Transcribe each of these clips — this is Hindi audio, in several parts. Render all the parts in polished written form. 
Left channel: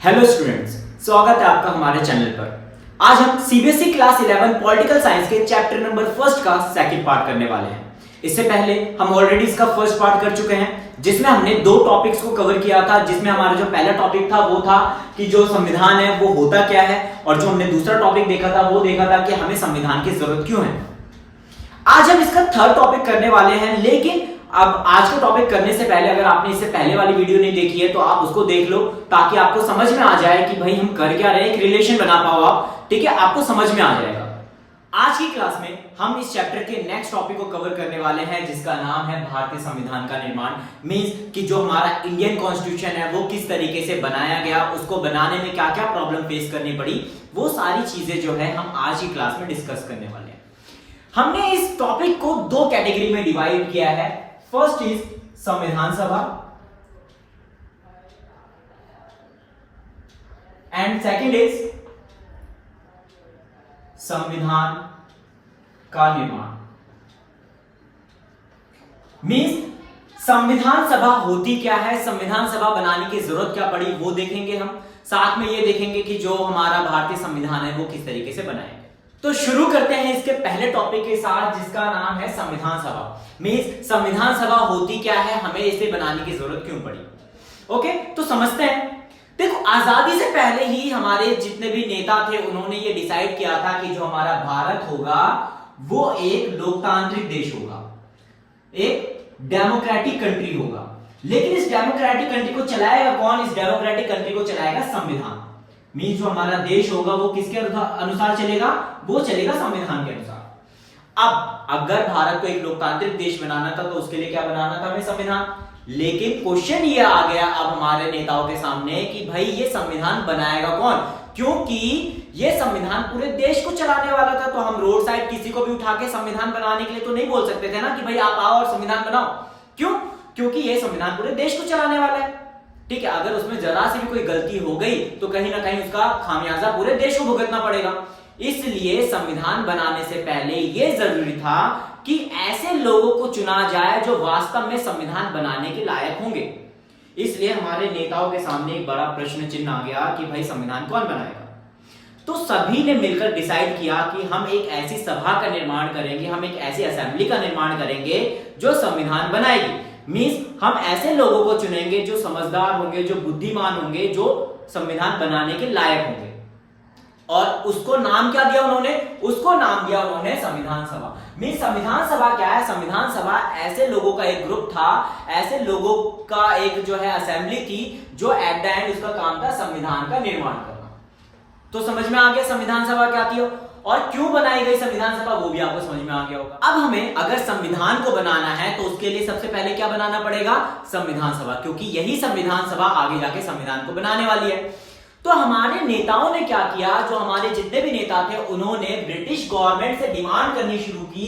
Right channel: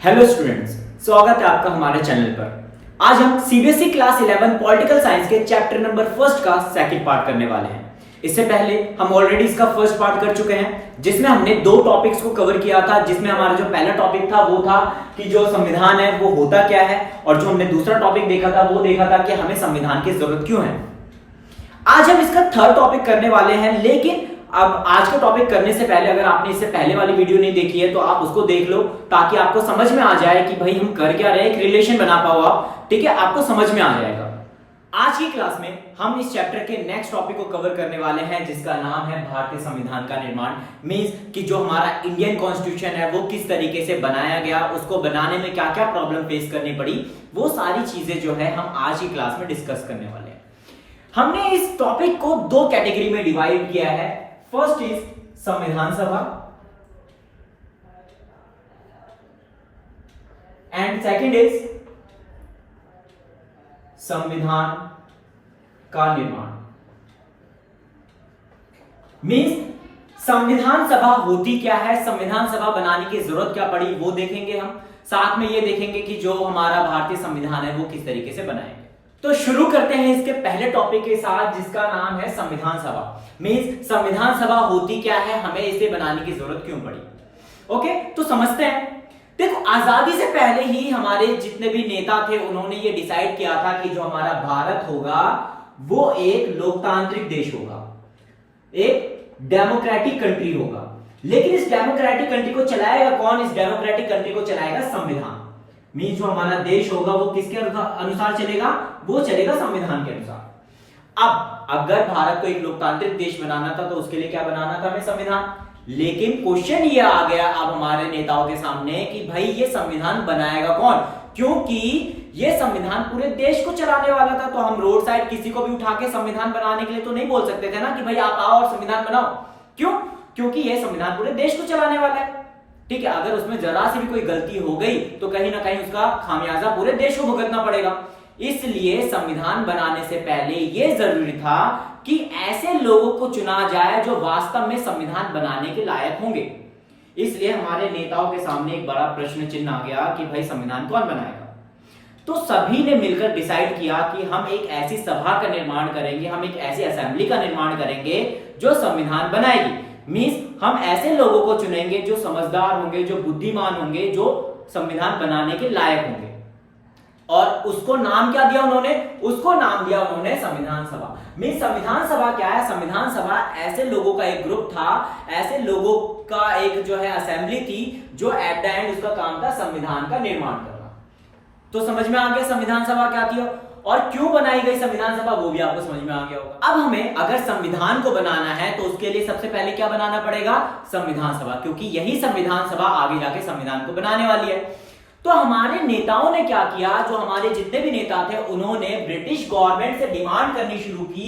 हेलो स्टूडेंट्स, स्वागत है आपका हमारे चैनल पर। आज हम सीबीएसई क्लास 11 पॉलिटिकल साइंस के चैप्टर नंबर फर्स्ट का सेकंड पार्ट करने वाले हैं। इससे पहले हम ऑलरेडी इसका फर्स्ट पार्ट कर चुके हैं, जिसमें हमने दो टॉपिक्स को कवर किया था। जिसमें हमारा जो पहला टॉपिक था वो था कि जो संविधान है वो होता क्या है, और जो हमने दूसरा टॉपिक देखा था वो देखा था कि हमें संविधान की जरूरत क्यों है। आज हम इसका थर्ड टॉपिक करने वाले हैं, लेकिन अब आज का टॉपिक करने से पहले अगर आपने इससे पहले वाली वीडियो नहीं देखी है तो आप उसको देख लो, ताकि आपको समझ में आ जाए कि भाई हम कर क्या रहे हैं, एक रिलेशन बना पाओ आप। ठीक है, आपको समझ में आ जाएगा। आज की क्लास में हम इस चैप्टर के नेक्स्ट टॉपिक को कवर करने वाले हैं, जिसका नाम है भारतीय संविधान का निर्माण। मींस कि जो हमारा इंडियन कॉन्स्टिट्यूशन है वो किस तरीके से बनाया गया, उसको बनाने में क्या क्या प्रॉब्लम फेस करनी पड़ी, वो सारी चीजें जो है हम आज की क्लास में डिस्कस करने वाले हैं। हमने इस टॉपिक को दो कैटेगरी में डिवाइड किया है। फर्स्ट इज संविधान सभा एंड सेकंड इज संविधान का निर्माण। मींस संविधान सभा होती क्या है, संविधान सभा बनाने की जरूरत क्या पड़ी, वो देखेंगे हम। साथ में ये देखेंगे कि जो हमारा भारतीय संविधान है वो किस तरीके से बनाएंगे। तो शुरू करते हैं इसके पहले टॉपिक के साथ, जिसका नाम है संविधान सभा। मींस संविधान सभा होती क्या है, हमें इसे बनाने की जरूरत क्यों पड़ी। ओके, तो समझते हैं। देखो, आजादी से पहले ही हमारे जितने भी नेता थे उन्होंने ये डिसाइड किया था कि जो हमारा भारत होगा वो एक लोकतांत्रिक देश होगा, एक डेमोक्रेटिक कंट्री होगा। लेकिन इस डेमोक्रेटिक कंट्री को चलाएगा कौन? इस डेमोक्रेटिक कंट्री को चलाएगा संविधान। मींस जो हमारा देश होगा वो किसके अनुसार चलेगा? वो चलेगा संविधान के अनुसार। अब अगर भारत को एक लोकतांत्रिक देश बनाना था तो उसके लिए क्या बनाना था? हमें संविधान। लेकिन क्वेश्चन ये आ गया अब हमारे नेताओं के सामने कि भाई ये संविधान बनाएगा कौन, क्योंकि ये संविधान पूरे देश को चलाने वाला था। तो हम रोड साइड किसी को भी उठा के संविधान बनाने के लिए तो नहीं बोल सकते थे ना कि भाई आप आओ और संविधान बनाओ। क्यों? क्योंकि ये संविधान पूरे देश को चलाने वाला है। ठीक है, अगर उसमें जरा सी भी कोई गलती हो गई तो कहीं ना कहीं उसका खामियाजा पूरे देश को भुगतना पड़ेगा। इसलिए संविधान बनाने से पहले यह जरूरी था कि ऐसे लोगों को चुना जाए जो वास्तव में संविधान बनाने के लायक होंगे। इसलिए हमारे नेताओं के सामने एक बड़ा प्रश्न चिन्ह आ गया कि भाई संविधान कौन बनाएगा। तो सभी ने मिलकर डिसाइड किया कि हम एक ऐसी सभा का निर्माण करेंगे, हम एक ऐसी असेंबली का निर्माण करेंगे जो संविधान बनाएगी। मींस हम ऐसे लोगों को चुनेंगे जो समझदार होंगे, जो बुद्धिमान होंगे, जो संविधान बनाने के लायक होंगे। और उसको नाम क्या दिया उन्होंने? उसको नाम दिया उन्होंने संविधान सभा। मींस संविधान सभा क्या है? संविधान सभा ऐसे लोगों का एक ग्रुप था, ऐसे लोगों का एक जो है असेंबली थी, जो एट द एंड उसका काम था संविधान का निर्माण करना। तो समझ में आ गया संविधान सभा क्या थी और क्यों बनाई गई संविधान सभा, वो भी आपको समझ में आ गया होगा। अब हमें अगर संविधान को बनाना है तो उसके लिए सबसे पहले क्या बनाना पड़ेगा? संविधान सभा, क्योंकि यही संविधान सभा आगे जाके संविधान को बनाने वाली है। तो हमारे नेताओं ने क्या किया, जो हमारे जितने भी नेता थे उन्होंने ब्रिटिश गवर्नमेंट से डिमांड करनी शुरू की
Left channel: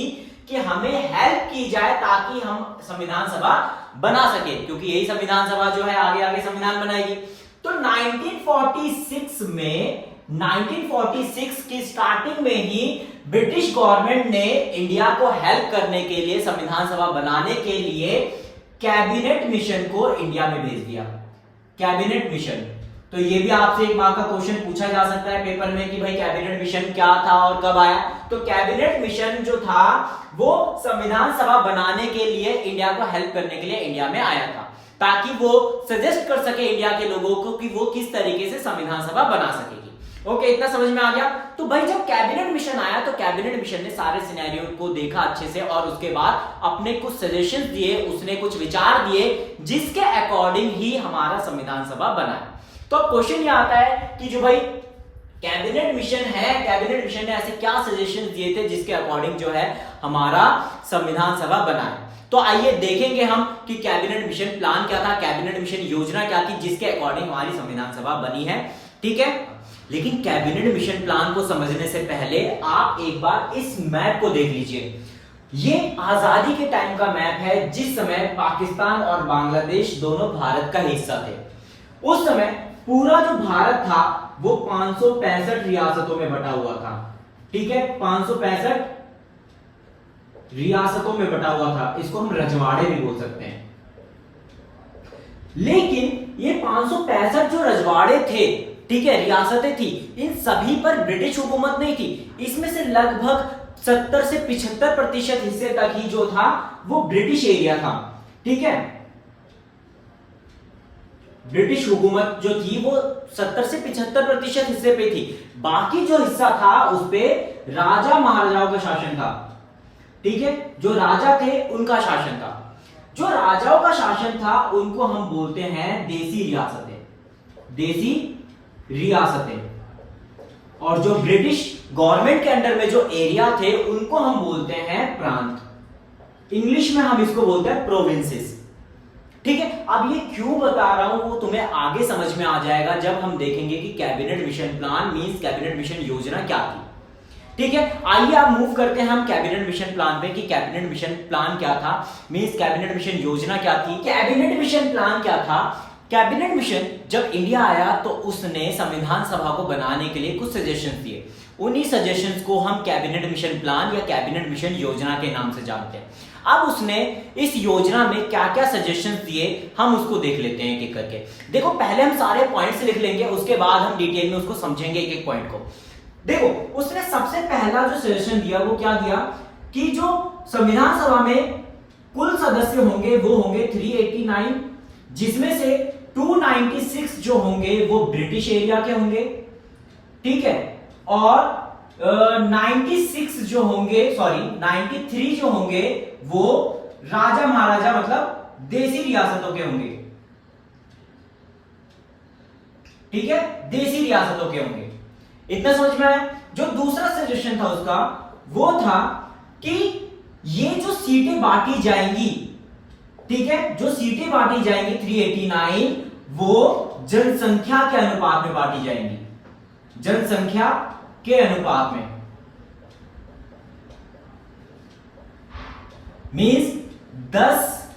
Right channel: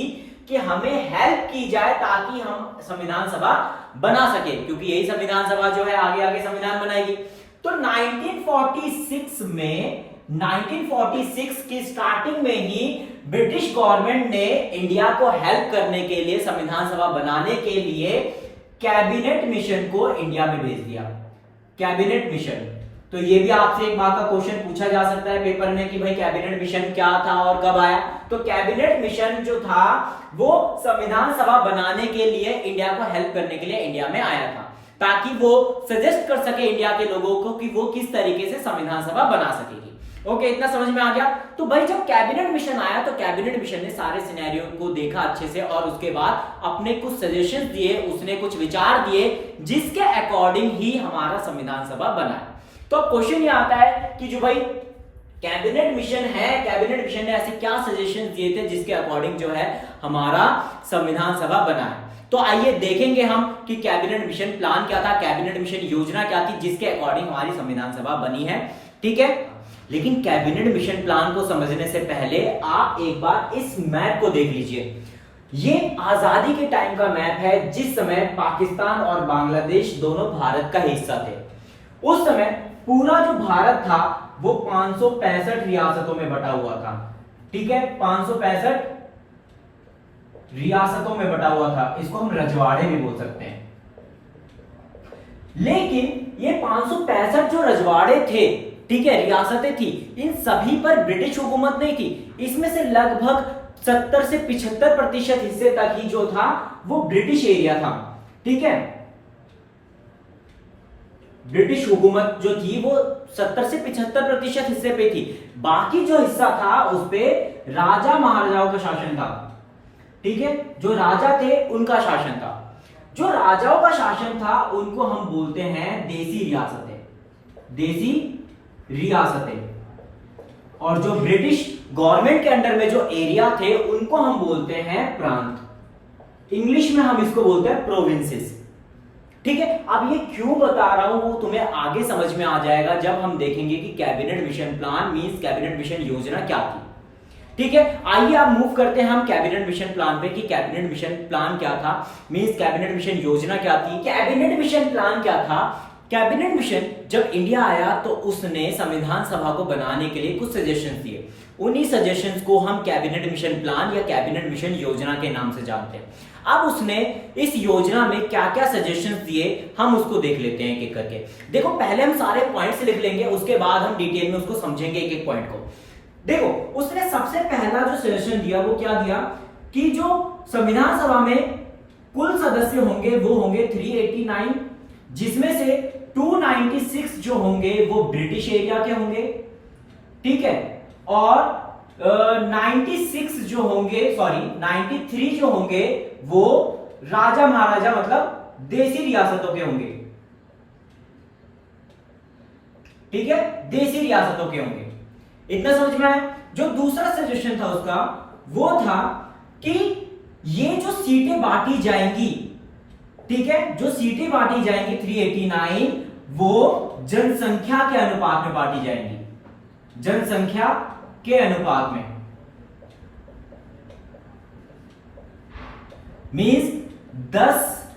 कि हमें हेल्प की जाए ताकि हम संविधान सभा बना सके, क्योंकि यही संविधान सभा जो है आगे आगे संविधान बनाएगी। तो 1946 की स्टार्टिंग में ही ब्रिटिश गवर्नमेंट ने इंडिया को हेल्प करने के लिए, संविधान सभा बनाने के लिए कैबिनेट मिशन को इंडिया में भेज दिया। कैबिनेट मिशन, तो ये भी आपसे एक मार्क का क्वेश्चन पूछा जा सकता है पेपर में कि भाई कैबिनेट मिशन क्या था और कब आया। तो कैबिनेट मिशन जो था वो संविधान सभा बनाने के लिए, इंडिया को हेल्प करने के लिए इंडिया में आया था, ताकि वो सजेस्ट कर सके इंडिया के लोगों को कि वो किस तरीके से संविधान सभा बना सकेगी। ओके, इतना समझ में आ गया। तो भाई जब कैबिनेट मिशन आया तो कैबिनेट मिशन ने सारे सिनेरियो को देखा अच्छे से और उसके बाद अपने कुछ सजेशन दिए, उसने कुछ विचार दिए, जिसके अकॉर्डिंग ही हमारा संविधान सभा बना। तो अब क्वेश्चन ये आता है कि जो भाई कैबिनेट मिशन है, कैबिनेट मिशन ने ऐसे क्या सजेशन दिए थे जिसके अकॉर्डिंग जो है हमारा संविधान सभा बना है। तो आइए देखेंगे हम कि कैबिनेट मिशन प्लान क्या था, कैबिनेट मिशन योजना क्या थी जिसके अकॉर्डिंग हमारी संविधान सभा बनी है। ठीक है, लेकिन कैबिनेट मिशन प्लान को समझने से पहले आप एक बार इस मैप को देख लीजिए। ये आजादी के टाइम का मैप है, जिस समय पाकिस्तान और बांग्लादेश दोनों भारत का हिस्सा थे। उस समय पूरा जो भारत था वो 565 रियासतों में बटा हुआ था। ठीक है, 565 रियासतों में बटा हुआ था। इसको हम रजवाड़े भी बोल सकते हैं। लेकिन ये 565 जो रजवाड़े थे, ठीक है, रियासतें थी, इन सभी पर ब्रिटिश हुकूमत नहीं थी। इसमें से लगभग 70 से 75% हिस्से तक ही जो था वो ब्रिटिश एरिया था, ठीक है। ब्रिटिश हुकूमत जो थी वो 70 से 75% हिस्से पे थी। बाकी जो हिस्सा था उस पे राजा महाराजाओं का शासन था, ठीक है। जो राजा थे उनका शासन था। जो राजाओं का शासन था उनको हम बोलते हैं देसी रियासतें, देसी रियासतें। और जो ब्रिटिश गवर्नमेंट के अंडर में जो एरिया थे उनको हम बोलते हैं प्रांत। इंग्लिश में हम इसको बोलते हैं प्रोविंसेस, ठीक है। अब ये क्यों बता रहा हूं वो तुम्हें आगे समझ में आ जाएगा जब हम देखेंगे कि cabinet mission plan means cabinet mission योजना क्या थी, ठीक है। आइए आप मूव करते हैं हम कैबिनेट मिशन प्लान पे कि कैबिनेट मिशन प्लान क्या था, मींस कैबिनेट मिशन योजना क्या थी। कैबिनेट मिशन प्लान क्या था? कैबिनेट मिशन जब इंडिया आया तो उसने संविधान सभा को बनाने के लिए कुछ सजेशंस दिए। उन्हीं सजेशंस को हम कैबिनेट मिशन प्लान या कैबिनेट मिशन योजना के नाम से जानते हैं। अब उसने इस योजना में क्या क्या सजेशंस दिए हम उसको देख लेते हैं एक एक करके। देखो पहले हम सारे पॉइंट्स लिख लेंगे, उसके बाद हम डिटेल में उसको समझेंगे एक एक पॉइंट को। देखो उसने सबसे पहला जो सजेशन दिया वो क्या दिया कि जो संविधान सभा में कुल सदस्य होंगे वो होंगे 389, जिसमें से 296 जो होंगे वो ब्रिटिश एरिया के होंगे, ठीक है। और 96 जो होंगे, सॉरी 93 जो होंगे वो राजा महाराजा मतलब देसी रियासतों के होंगे, ठीक है, देसी रियासतों के होंगे। इतना समझ में आया। जो दूसरा सजेशन था उसका वो था कि ये जो सीटें बांटी जाएंगी, ठीक है, जो सीटें बांटी जाएंगी 389 वो जनसंख्या के अनुपात में बांटी जाएंगी, जनसंख्या के अनुपात में, मींस 10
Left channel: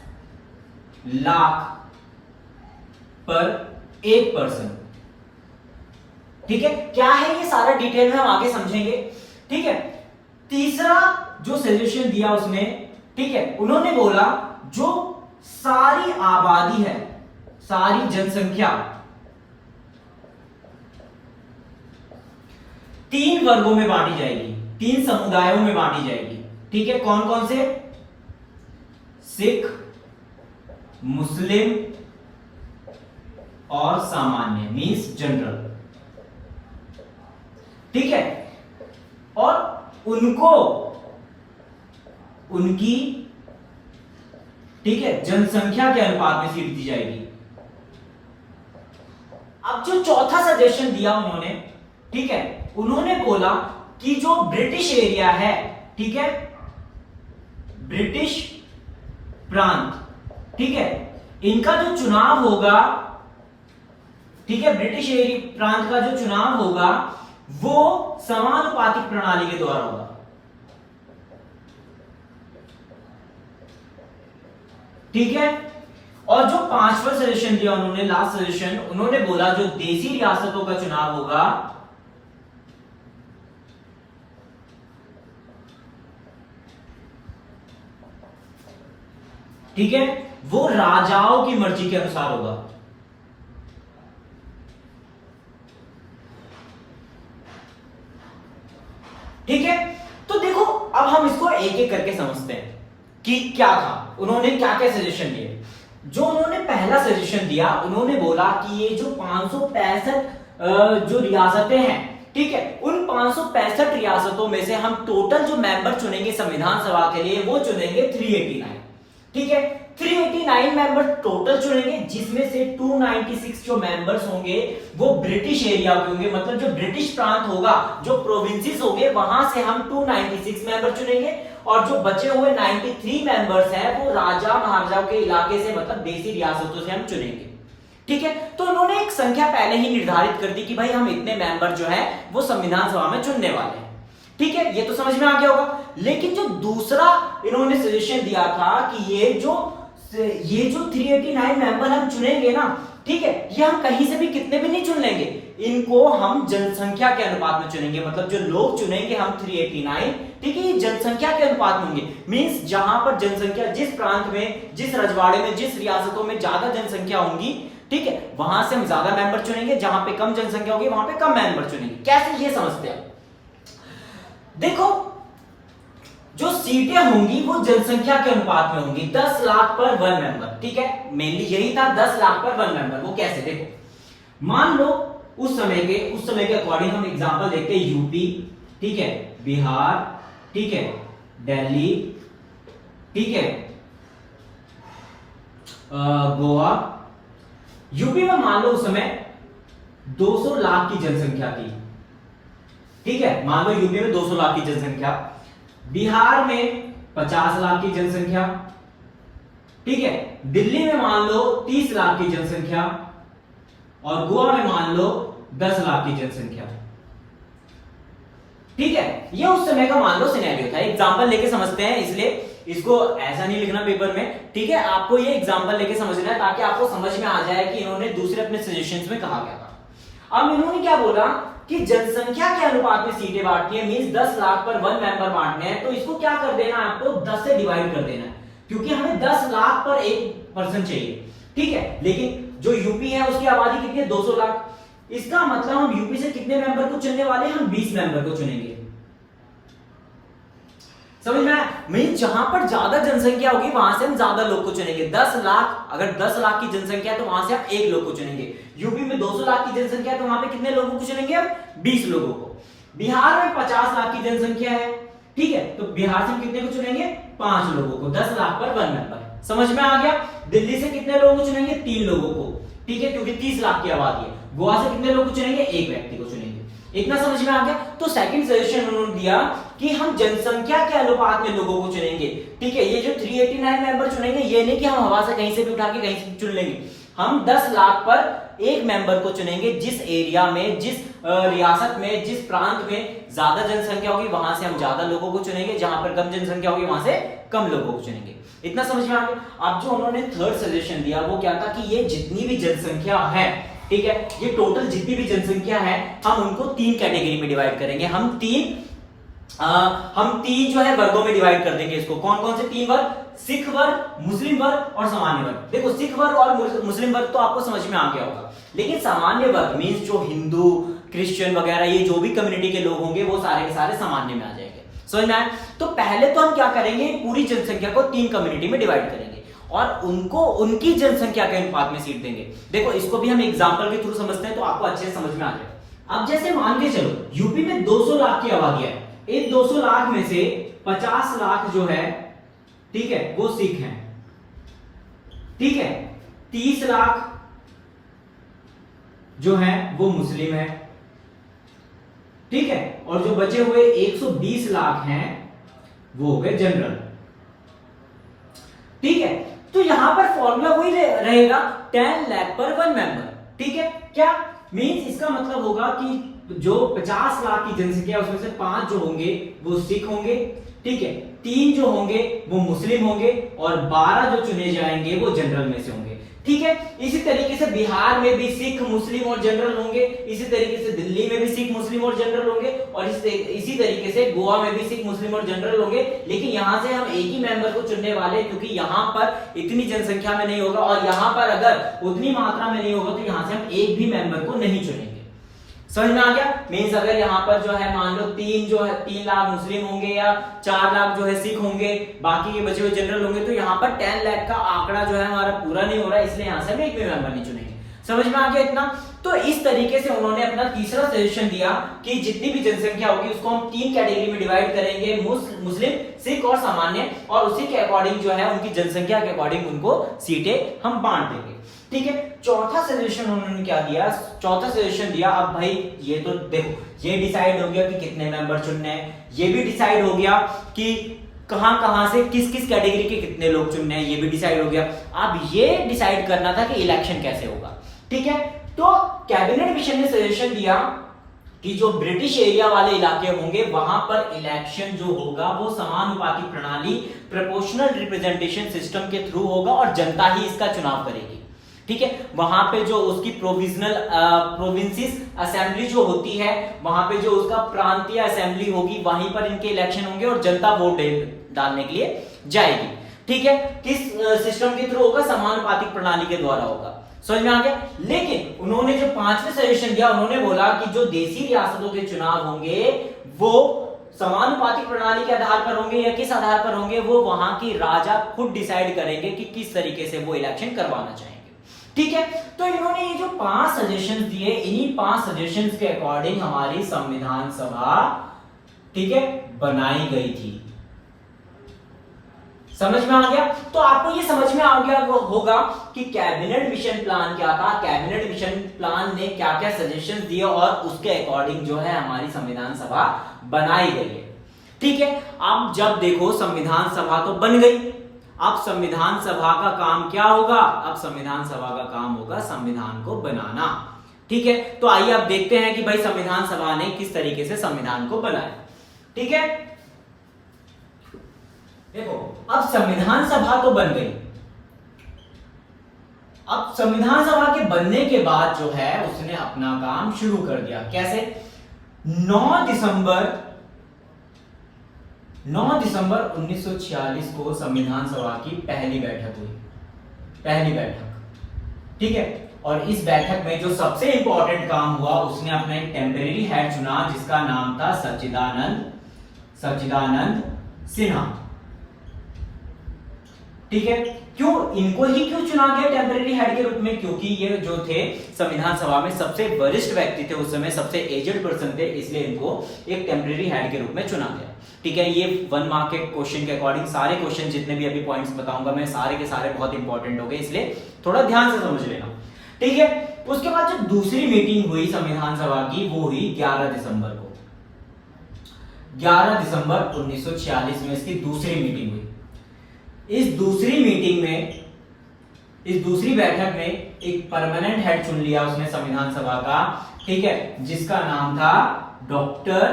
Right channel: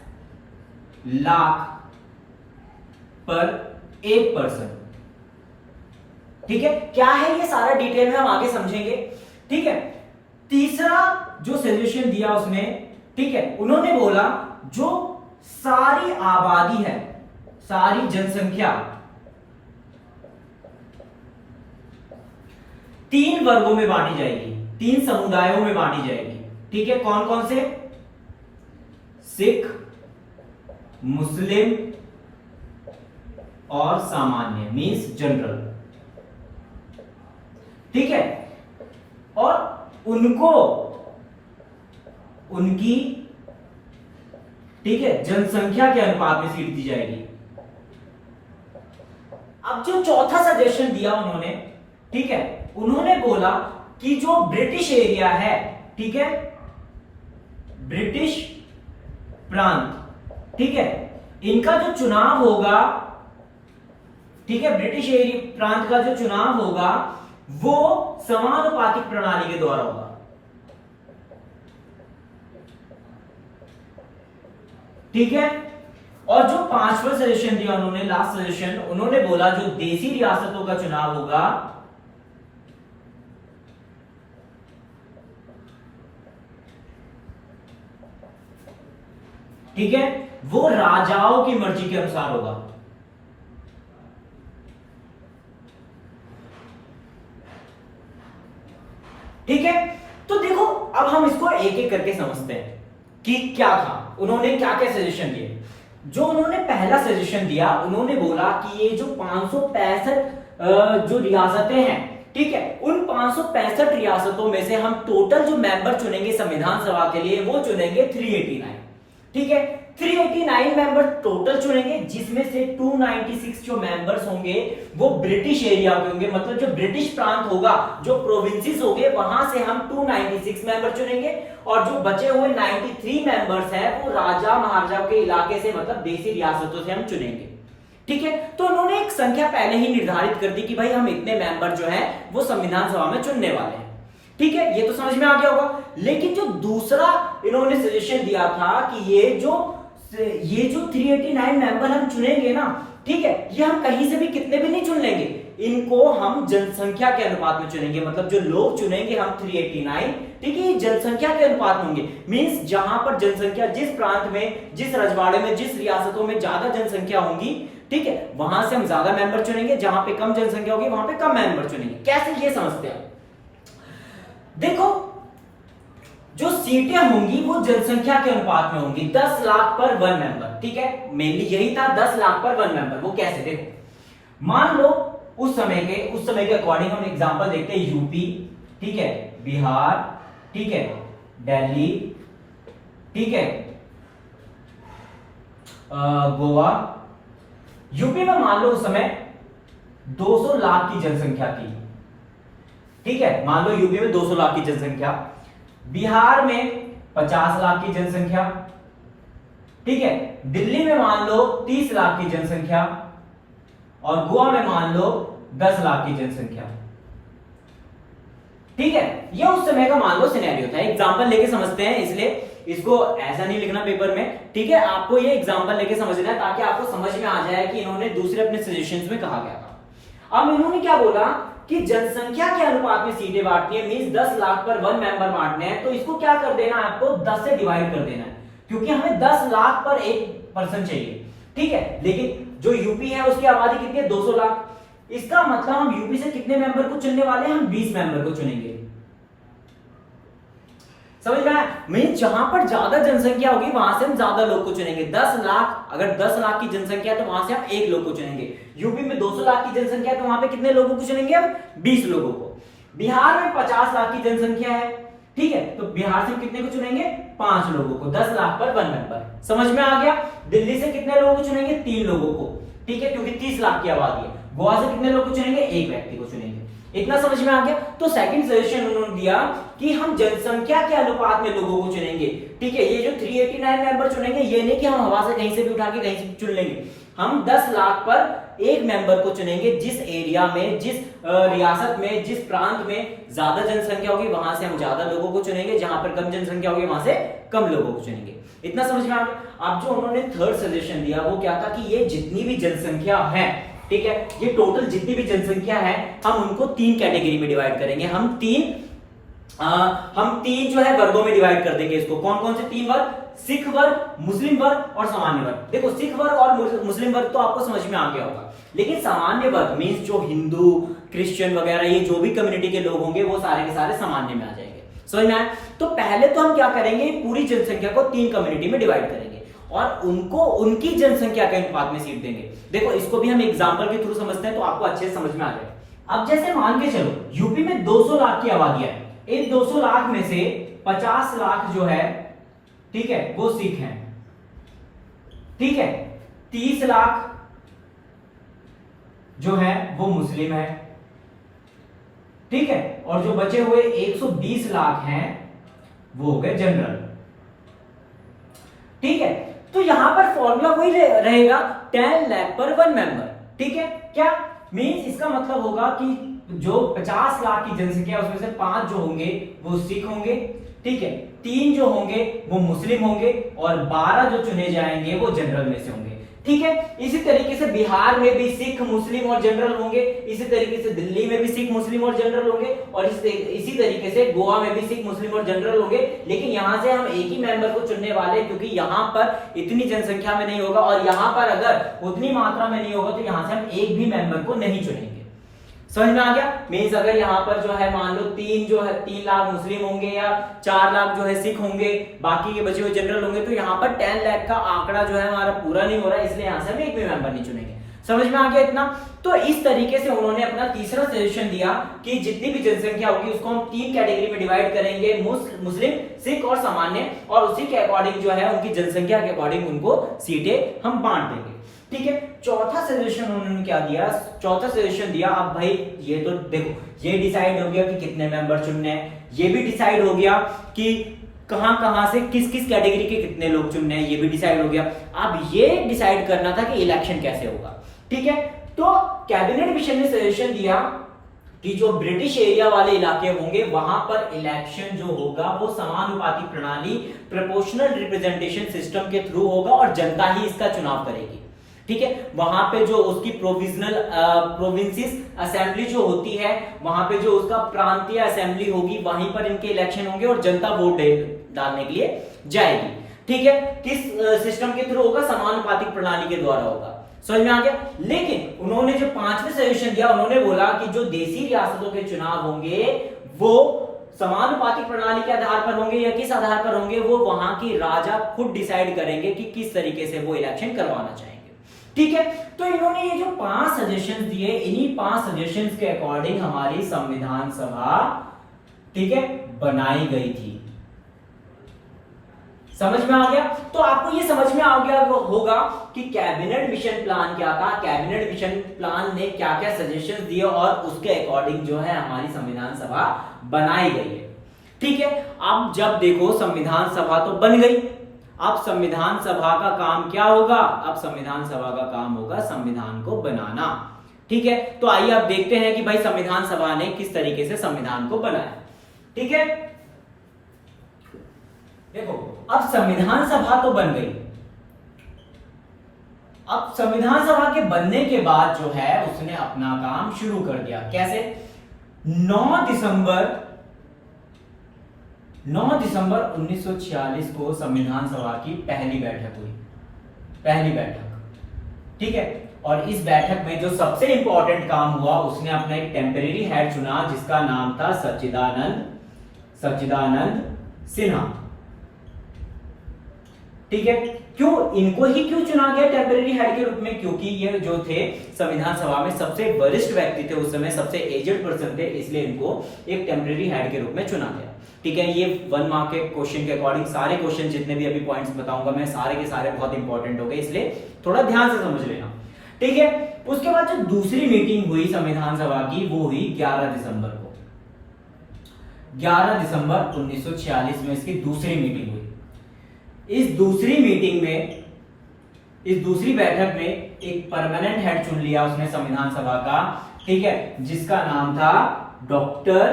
लाख पर 1%, ठीक है। क्या है ये सारा डिटेल में हम आगे समझेंगे, ठीक है। तीसरा जो सजेशन दिया उसने, ठीक है, उन्होंने बोला जो सारी आबादी है, सारी जनसंख्या 3 वर्गों में बांटी जाएगी, 3 समुदायों में बांटी जाएगी, ठीक है। कौन कौन से? सिख, मुस्लिम और सामान्य, मींस जनरल, ठीक है। और उनको उनकी, ठीक है, जनसंख्या के अनुपात में सीट दी जाएगी। अब जो चौथा सजेशन दिया उन्होंने, ठीक है, उन्होंने बोला कि जो ब्रिटिश एरिया है, ठीक है, ब्रिटिश प्रांत, ठीक है, इनका जो चुनाव होगा, ठीक है, ब्रिटिश एरिया प्रांत का जो चुनाव होगा वो समानुपातिक प्रणाली के द्वारा होगा, ठीक है। और जो 5वां सजेशन दिया उन्होंने, लास्ट सजेशन, उन्होंने बोला जो देसी रियासतों का चुनाव होगा ठीक है वो राजाओं की मर्जी के अनुसार होगा, ठीक है। तो देखो अब हम इसको एक एक करके समझते हैं कि क्या था, उन्होंने क्या क्या सजेशन दिए। जो उन्होंने पहला सजेशन दिया, उन्होंने बोला कि ये जो 565 जो रियासतें हैं, ठीक है, उन 565 रियासतों में से हम टोटल जो मेंबर चुनेंगे संविधान सभा के लिए वो चुनेंगे 389, ठीक है। 389 मेंबर टोटल चुनेंगे, जिसमें से 296 जो मेंबर्स होंगे वो ब्रिटिश एरिया के होंगे, मतलब जो ब्रिटिश प्रांत होगा, जो प्रोविंसेस होंगे वहां से हम 296 मेंबर चुनेंगे, और जो बचे हुए 93 मेंबर्स हैं वो राजा महाराजाओं के इलाके से, मतलब देसी रियासतों से हम चुनेंगे, ठीक है। तो उन्होंने एक संख्या पहले ही निर्धारित कर दी कि भाई हम इतने मेंबर जो है वो संविधान सभा में चुनने वाले हैं, ठीक है, ये तो समझ में आ गया होगा। लेकिन जो दूसरा इन्होंने सजेशन दिया था कि ये जो ये जो 389 मेंबर हम चुनेंगे ना, ठीक है, ये हम कहीं से भी कितने भी नहीं चुन लेंगे, इनको हम जनसंख्या के अनुपात में चुनेंगे। मतलब जो लोग चुनेंगे हम 389, ठीक है, ये जनसंख्या के अनुपात में होंगे। मींस जहां पर जनसंख्या, जिस प्रांत में, जिस रजवाड़े में, जिस रियासतों में ज्यादा जनसंख्या होंगी, ठीक है, वहां से हम ज्यादा मेंबर चुनेंगे, जहां पे कम जनसंख्या होगी वहां पे कम मेंबर चुनेंगे। कैसे, ये समझते हैं। देखो, जो सीटें होंगी वो जनसंख्या के अनुपात में होंगी, 10 लाख पर 1 मेंबर, ठीक है, मेनली यही था, 10 लाख पर 1 मेंबर। वो कैसे, देखो, मान लो उस समय के अकॉर्डिंग हम एग्जांपल देखते हैं, यूपी, ठीक है, बिहार, ठीक है, दिल्ली, ठीक है, गोवा। यूपी में मान लो उस समय 200 लाख की जनसंख्या थी, ठीक है, मान लो यूपी में 200 लाख की जनसंख्या, बिहार में 50 लाख की जनसंख्या, ठीक है, दिल्ली में मान लो 30 लाख की जनसंख्या, और गोवा में मान लो 10 लाख की जनसंख्या, ठीक है। ये उस समय का मान लो सिनेरियो था, एग्जांपल लेके समझते हैं, इसलिए इसको ऐसा नहीं लिखना पेपर में, ठीक है, आपको ये एग्जांपल लेके समझना है ताकि आपको समझ में आ जाए कि इन्होंने दूसरे अपने सजेशंस में कहा गया था। अब इन्होंने क्या बोला कि जनसंख्या के अनुपात में सीटें बांटनी है, मींस 10 लाख पर 1 मेंबर बांटने हैं, तो इसको क्या कर देना है, आपको 10 से डिवाइड कर देना है, क्योंकि हमें 10 लाख पर 1 पर्सन चाहिए, ठीक है। लेकिन जो यूपी है उसकी आबादी कितनी है, 200 लाख। इसका मतलब हम यूपी से कितने मेंबर को चुनने वाले हैं, हम 20 मेंबर को चुनेंगे। समझ में आया? मीन जहां पर ज्यादा जनसंख्या होगी वहां से हम ज्यादा लोग को चुनेंगे। 10 लाख, अगर 10 लाख की जनसंख्या है तो वहां से हम 1 लोग को चुनेंगे। यूपी में 200 लाख की जनसंख्या है तो वहां पे कितने लोगों को चुनेंगे हम, 20 लोगों को। बिहार में 50 लाख की जनसंख्या है, ठीक है, तो बिहार से हम कितने को चुनेंगे, 5 लोगों को, 10 लाख पर 1 मेंबर। समझ में आ गया? दिल्ली से कितने लोगों को चुनेंगे, 3 लोगों को, ठीक है, क्योंकि 30 लाख की आबादी है। गोवा से कितने लोग को चुनेंगे, 1 व्यक्ति को चुनेंगे। इतना समझ में आ गया? तो सेकंड सजेशन उन्होंने दिया कि हम जनसंख्या के अनुपात में लोगों को चुनेंगे, ठीक है। ये जो 389 मेंबर चुनेंगे, ये नहीं कि हम हवा से कहीं से भी उठा के कहीं से भी चुन लेंगे, हम 10 लाख पर 1 मेंबर को चुनेंगे। जिस एरिया में, जिस रियासत में, जिस प्रांत में ज्यादा जनसंख्या होगी वहां से हम ज्यादा लोगों को चुनेंगे, जहां पर कम जनसंख्या होगी वहां से कम लोगों को चुनेंगे। इतना समझ में आ गया? अब जो उन्होंने थर्ड सजेशन दिया वो क्या था कि ये जितनी भी जनसंख्या है, ठीक है, ये टोटल जितनी भी जनसंख्या है हम उनको 3 कैटेगरी में डिवाइड करेंगे। हम तीन जो है वर्गों में डिवाइड कर देंगे इसको। कौन कौन से 3 वर्ग? सिख वर्ग, मुस्लिम वर्ग और सामान्य वर्ग। देखो, सिख वर्ग और मुस्लिम वर्ग तो आपको समझ में आ गया होगा, लेकिन सामान्य वर्ग मींस जो हिंदू, क्रिश्चियन वगैरह ये जो भी कम्युनिटी के लोग होंगे वो सारे के सारे सामान्य में आ जाएंगे। समझ में आया? तो पहले तो हम क्या करेंगे, पूरी जनसंख्या को 3 कम्युनिटी में डिवाइड करेंगे और उनको उनकी जनसंख्या के अनुपात में सीट देंगे। देखो, इसको भी हम एग्जांपल के थ्रू समझते हैं तो आपको अच्छे से समझ में आ जाएगा। अब जैसे मान के चलो यूपी में 200 लाख की आबादी है, इन 200 लाख में से 50 लाख जो है, ठीक है, वो सिख हैं, ठीक है, 30 लाख जो है वो मुस्लिम है, ठीक है, और जो बचे हुए 120 लाख हैं वो हो गए जनरल, ठीक है। तो यहां पर फॉर्मूला वही रहेगा, 10 लाख पर 1 मेंबर, ठीक है। क्या मींस, इसका मतलब होगा कि जो 50 लाख की जनसंख्या उसमें से 5 जो होंगे वो सिख होंगे, ठीक है, 3 जो होंगे वो मुस्लिम होंगे और 12 जो चुने जाएंगे वो जनरल में से होंगे, ठीक है। इसी तरीके से बिहार में भी सिख, मुस्लिम और जनरल होंगे, इसी तरीके से दिल्ली में भी सिख, मुस्लिम और जनरल होंगे, और इसी तरीके से गोवा में भी सिख, मुस्लिम और जनरल होंगे। लेकिन यहां से हम एक ही मेंबर को चुनने वाले, क्योंकि यहां पर इतनी जनसंख्या में नहीं होगा और यहां पर अगर उतनी मात्रा में नहीं होगा तो यहां से हम एक भी मेंबर को नहीं चुनेंगे। समझ में आ गया? मींस अगर यहां पर जो है मान लो 3 लाख मुस्लिम होंगे या 4 लाख जो है सिख होंगे, बाकी के बचे हुए जनरल होंगे, तो यहां पर 10 लाख का आंकड़ा जो है हमारा पूरा नहीं हो रहा है, इसलिए यहां से हम एक भी मेंबर नहीं चुनेंगे। समझ में आ गया इतना? तो इस तरीके से उन्होंने अपना तीसरा सजेशन दिया कि जितनी भी जनसंख्या होगी उसको हम 3 कैटेगरी में डिवाइड करेंगे, मुस्लिम, सिख और सामान्य, और उसी के अकॉर्डिंग जो है उनकी जनसंख्या के अकॉर्डिंग उनको सीटें हम बांट देंगे, ठीक है। चौथा सजेशन उन्होंने क्या दिया? चौथा सजेशन दिया, अब भाई ये तो देखो, ये डिसाइड हो गया कि कितने मेंबर चुनने हैं, ये भी डिसाइड हो गया कि कहां कहां से किस किस कैटेगरी के कितने लोग चुनने हैं, ये भी डिसाइड हो गया। अब ये डिसाइड करना था कि इलेक्शन कैसे होगा, ठीक है। तो कैबिनेट मिशन ने सजेशन दिया कि जो ब्रिटिश एरिया वाले इलाके होंगे वहां पर इलेक्शन जो होगा वो समानुपाती प्रणाली प्रोपोर्शनल रिप्रेजेंटेशन सिस्टम के थ्रू होगा और जनता ही इसका चुनाव करेगी। ठीक है, वहां पे जो उसकी प्रोविजनल प्रोविंसेस असेंबली जो होती है, वहां पे जो उसका प्रांतीय असेंबली होगी, वहीं पर इनके इलेक्शन होंगे और जनता वोट डालने के लिए जाएगी। ठीक है, किस सिस्टम के थ्रू होगा? समानुपातिक प्रणाली के द्वारा होगा। समझ में आ गया? लेकिन उन्होंने जो पांचवें सजेशन दिया, उन्होंने बोला कि जो देसी रियासतों के चुनाव होंगे वो समानुपातिक प्रणाली के आधार पर होंगे या किस आधार पर होंगे, वो वहां की राजा खुद डिसाइड करेंगे कि किस तरीके से वो इलेक्शन करवाना चाहेंगे। ठीक है, तो इन्होंने ये जो 5 सजेशन दिए, इन्हीं 5 सजेशन के अकॉर्डिंग हमारी संविधान सभा, ठीक है, बनाई गई थी। समझ में आ गया? तो आपको ये समझ में आ गया होगा कि कैबिनेट मिशन प्लान क्या था, कैबिनेट मिशन प्लान ने क्या क्या सजेशन दिए और उसके अकॉर्डिंग जो है हमारी संविधान सभा बनाई गई है। ठीक है, अब जब देखो संविधान सभा तो बन गई, अब संविधान सभा का काम क्या होगा? अब संविधान सभा का काम होगा संविधान को बनाना। ठीक है, तो आइए अब देखते हैं कि भाई संविधान सभा ने किस तरीके से संविधान को बनाया। ठीक है, देखो अब संविधान सभा तो बन गई। अब संविधान सभा के बनने के बाद जो है उसने अपना काम शुरू कर दिया। कैसे? 9 दिसंबर 1946 को संविधान सभा की पहली बैठक हुई, पहली बैठक। ठीक है, और इस बैठक में जो सबसे इंपॉर्टेंट काम हुआ, उसने अपना एक टेम्परेरी हेड चुना जिसका नाम था सच्चिदानंद सिन्हा। ठीक है, क्यों इनको ही क्यों चुना गया टेम्परेरी हेड के रूप में? क्योंकि ये जो थे संविधान सभा में सबसे वरिष्ठ व्यक्ति थे, उस समय सबसे एजेड पर्सन थे, इसलिए इनको एक टेम्परेरी हेड के रूप में चुना गया। ठीक है, ये 1 मार्क के क्वेश्चन के अकॉर्डिंग सारे क्वेश्चन जितने भी अभी पॉइंट्स बताऊंगा मैं, सारे के सारे बहुत इंपॉर्टेंट हो गए, इसलिए थोड़ा ध्यान से समझ लेना। ठीक है, उसके बाद जो दूसरी मीटिंग हुई संविधान सभा की, वो हुई 11 दिसंबर को। 11 दिसंबर 1946 में इसकी दूसरी मीटिंग हुई। इस दूसरी बैठक में एक परमानेंट हेड चुन लिया उसने संविधान सभा का। ठीक है, जिसका नाम था डॉक्टर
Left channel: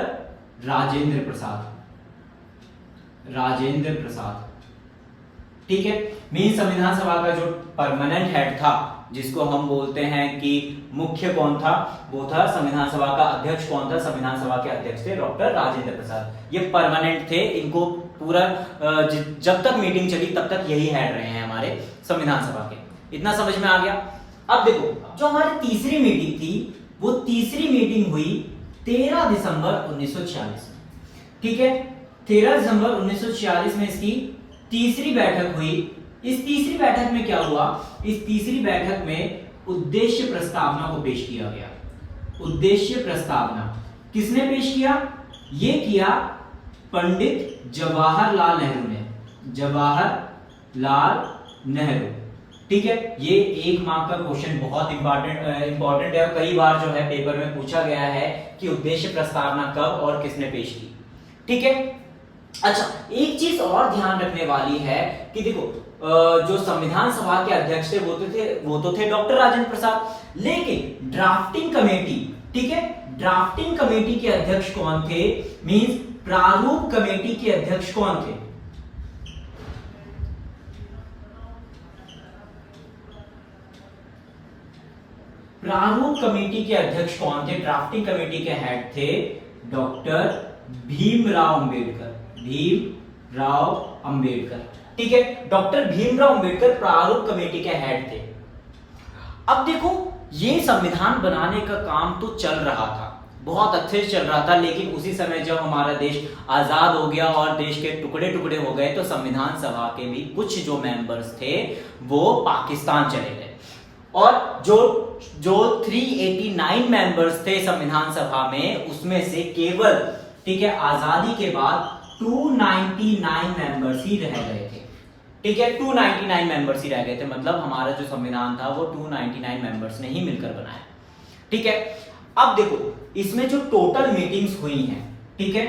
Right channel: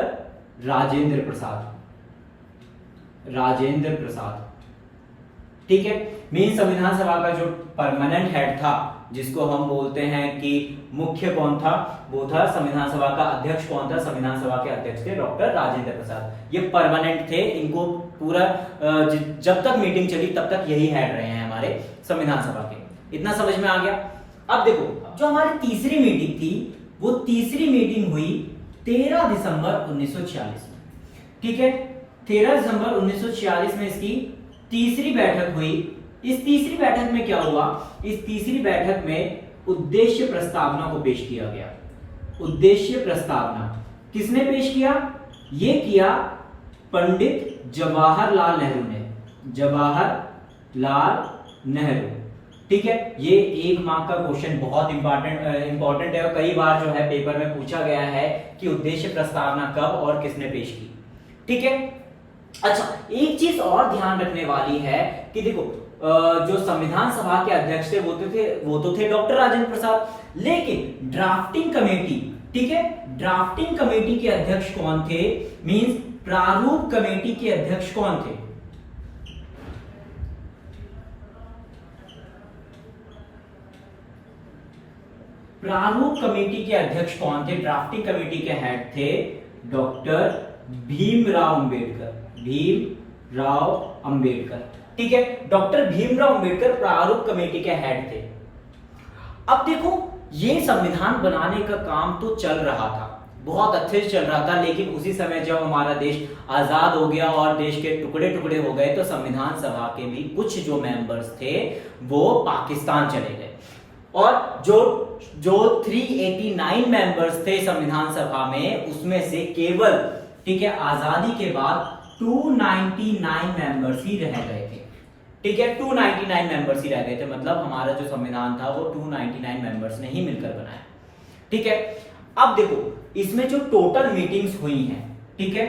राजेंद्र प्रसाद। ठीक है, मेन संविधान सभा का जो परमानेंट हेड था, जिसको हम बोलते हैं कि मुख्य कौन था, वो था संविधान सभा का अध्यक्ष कौन था? संविधान सभा के अध्यक्ष थे डॉक्टर राजेंद्र प्रसाद। ये परमानेंट थे, इनको पूरा जब तक मीटिंग चली तब तक यही हेड रहे हैं हमारे संविधान सभा के। इतना समझ में आ गया? अब देखो जो हमारी तीसरी मीटिंग थी, वो तीसरी मीटिंग हुई 13 दिसंबर 1946 में। ठीक है, 13 दिसंबर 1946 में इसकी तीसरी बैठक हुई। इस तीसरी बैठक में क्या हुआ? इस तीसरी बैठक में उद्देश्य प्रस्तावना को पेश किया गया। उद्देश्य प्रस्तावना किसने पेश किया? ये किया पंडित जवाहरलाल नेहरू ने। जवाहरलाल नेहरू। ठीक है, ये 1 मार्क का क्वेश्चन बहुत इंपॉर्टेंट है और कई बार जो है पेपर में पूछा गया है कि उद्देश्य प्रस्तावना कब और किसने पेश की। ठीक है, अच्छा एक चीज और ध्यान रखने वाली है कि देखो जो संविधान सभा के अध्यक्ष थे वो तो थे डॉक्टर राजेंद्र प्रसाद, लेकिन ड्राफ्टिंग कमेटी, ठीक है, ड्राफ्टिंग कमेटी के अध्यक्ष कौन थे? मींस प्रारूप कमेटी के अध्यक्ष कौन थे? प्रारूप कमेटी के अध्यक्ष कौन थे? ड्राफ्टिंग कमेटी के हेड थे डॉक्टर भीमराव अंबेडकर। ठीक है, डॉक्टर भीमराव अंबेडकर प्रारूप कमेटी के हेड थे। अब देखो ये संविधान बनाने का काम तो चल रहा था, बहुत अच्छे से चल रहा था, लेकिन उसी समय जब हमारा देश आजाद हो गया और देश के टुकड़े टुकड़े हो गए तो संविधान सभा के भी कुछ जो मेंबर्स थे वो पाकिस्तान चले गए और जो 389 मेंबर्स थे संविधान सभा में, उसमें से केवल, ठीक है, आजादी के बाद 299 मेंबर्स ही रह गए थे। ठीक है, 299 मेंबर्स ही रह गए थे, मतलब हमारा जो संविधान था वो 299 मेंबर्स ने ही मिलकर बनाया। ठीक है, अब देखो इसमें जो टोटल मीटिंग्स हुई हैं, ठीक है,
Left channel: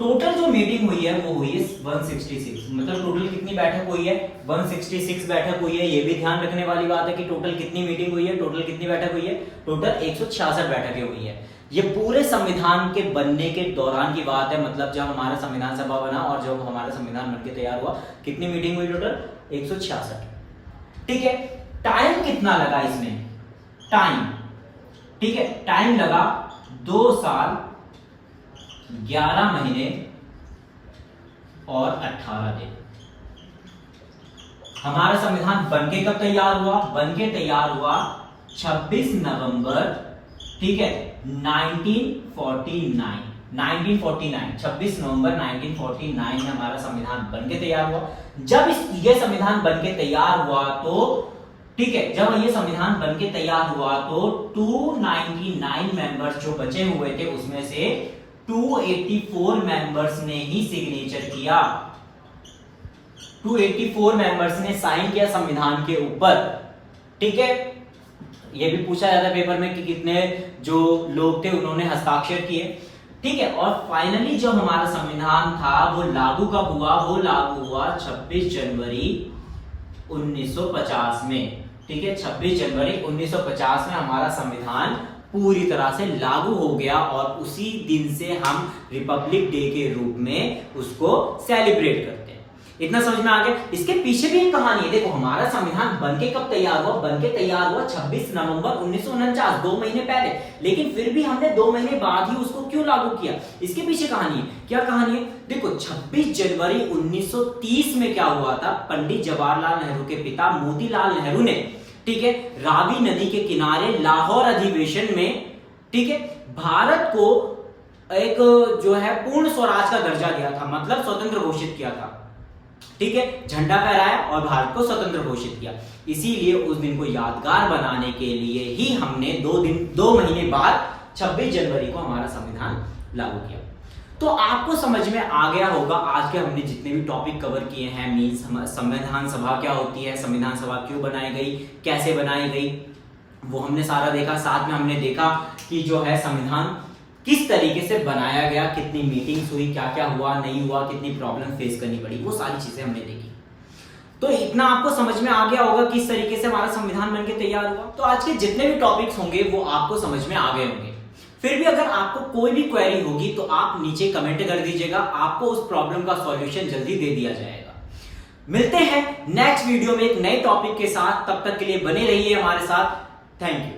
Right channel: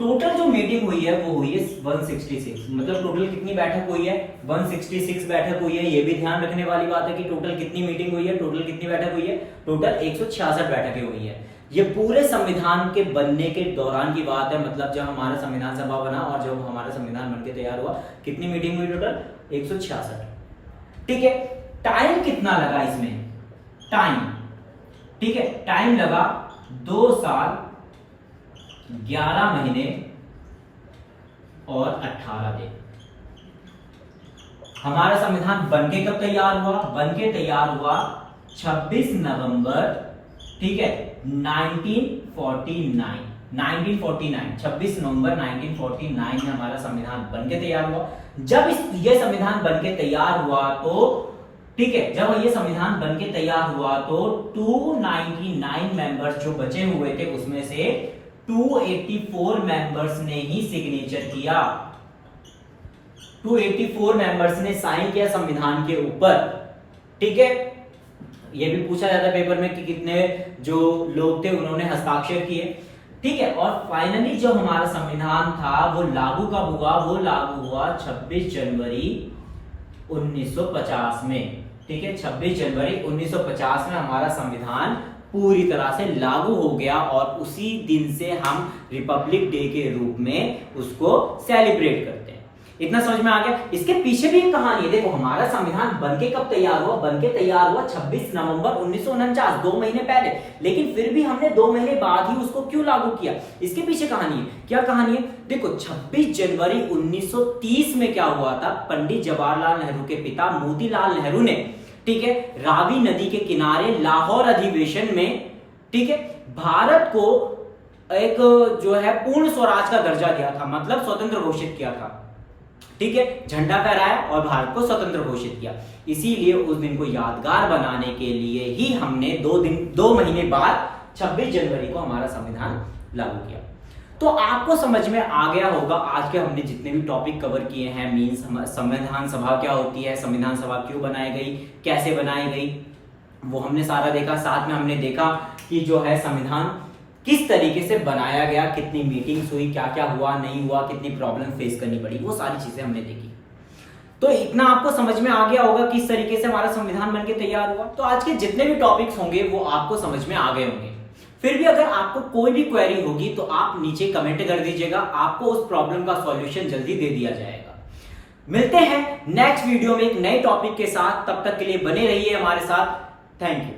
टोटल जो मीटिंग हुई है वो हुई है 166, मतलब टोटल कितनी बैठक हुई है, 166 बैठक हुई है। ये भी ध्यान रखने वाली बात है कि टोटल कितनी मीटिंग हुई है, टोटल कितनी बैठक हुई है, टोटल 166 बैठकें हुई है। ये पूरे संविधान के बनने के दौरान की बात है, मतलब जब हमारा संविधान सभा बना और जब हमारा संविधान बनके तैयार हुआ, कितनी मीटिंग हुई टोटल, 166। ठीक है, टाइम कितना लगा इसमें, टाइम, ठीक है, टाइम लगा 2 साल 11 महीने और 18 दिन। हमारा संविधान बनके कब तैयार हुआ, बनके तैयार हुआ 26 नवंबर, ठीक है, 1949, 26 नवंबर 1949 में हमारा संविधान बनके तैयार हुआ। जब ये संविधान बनके तैयार हुआ तो, ठीक है, जब ये संविधान बनके तैयार हुआ तो 299 मेंबर्स जो बचे हुए थे उसमें से 284 मेंबर्स ने ही सिग्नेचर किया, 284 मेंबर्स ने साइन किया संविधान के ऊपर। ठीक है, यह भी पूछा जाता है पेपर में कि कितने जो लोग थे उन्होंने हस्ताक्षर किए। ठीक है, और फाइनली जब हमारा संविधान था वो लागू कब हुआ, वो लागू हुआ 26 जनवरी 1950 में। ठीक है, 26 जनवरी 1950 में हमारा संविधान पूरी तरह से लागू हो गया और उसी दिन से हम रिपब्लिक डे के रूप में उसको सेलिब्रेट करते हैं। इतना समझ में आ गया। इसके पीछे भी एक कहानी है। देखो, हमारा संविधान बनके कब तैयार हुआ, बनके तैयार हुआ 26 नवंबर 1949, 2 महीने पहले, लेकिन फिर भी हमने 2 महीने बाद ही उसको क्यों लागू किया, इसके पीछे कहानी है। क्या कहानी है, देखो 26 जनवरी 1930 में क्या हुआ था, पंडित जवाहरलाल नेहरू के पिता मोतीलाल नेहरू ने, ठीक है, रावी नदी के किनारे लाहौर अधिवेशन में, ठीक है, भारत को एक जो है पूर्ण स्वराज का दर्जा दिया था, मतलब स्वतंत्र घोषित किया था। ठीक है, झंडा फहराया और भारत को स्वतंत्र घोषित किया। इसीलिए उस दिन को यादगार बनाने के लिए ही हमने 2 महीने बाद 26 जनवरी को हमारा संविधान लागू किया। तो आपको समझ में आ गया होगा आज के हमने जितने भी टॉपिक कवर किए हैं, मींस संविधान सभा क्या होती है, संविधान सभा क्यों बनाई गई, कैसे बनाई गई, वो हमने सारा देखा। साथ में हमने देखा कि जो है संविधान किस तरीके से बनाया गया, कितनी मीटिंग्स हुई, क्या क्या हुआ नहीं हुआ, कितनी प्रॉब्लम फेस करनी पड़ी, वो सारी चीजें हमने देखी। तो इतना आपको समझ में आ गया होगा किस तरीके से हमारा संविधान बनके तैयार हुआ। तो आज के जितने भी टॉपिक्स होंगे वो आपको समझ में आ गए होंगे। फिर भी अगर आपको कोई भी क्वेरी होगी तो आप नीचे कमेंट कर दीजिएगा, आपको उस प्रॉब्लम का सॉल्यूशन जल्दी दे दिया जाएगा। मिलते हैं नेक्स्ट वीडियो में एक नए टॉपिक के साथ, तब तक के लिए बने रहिए हमारे साथ। Thank you.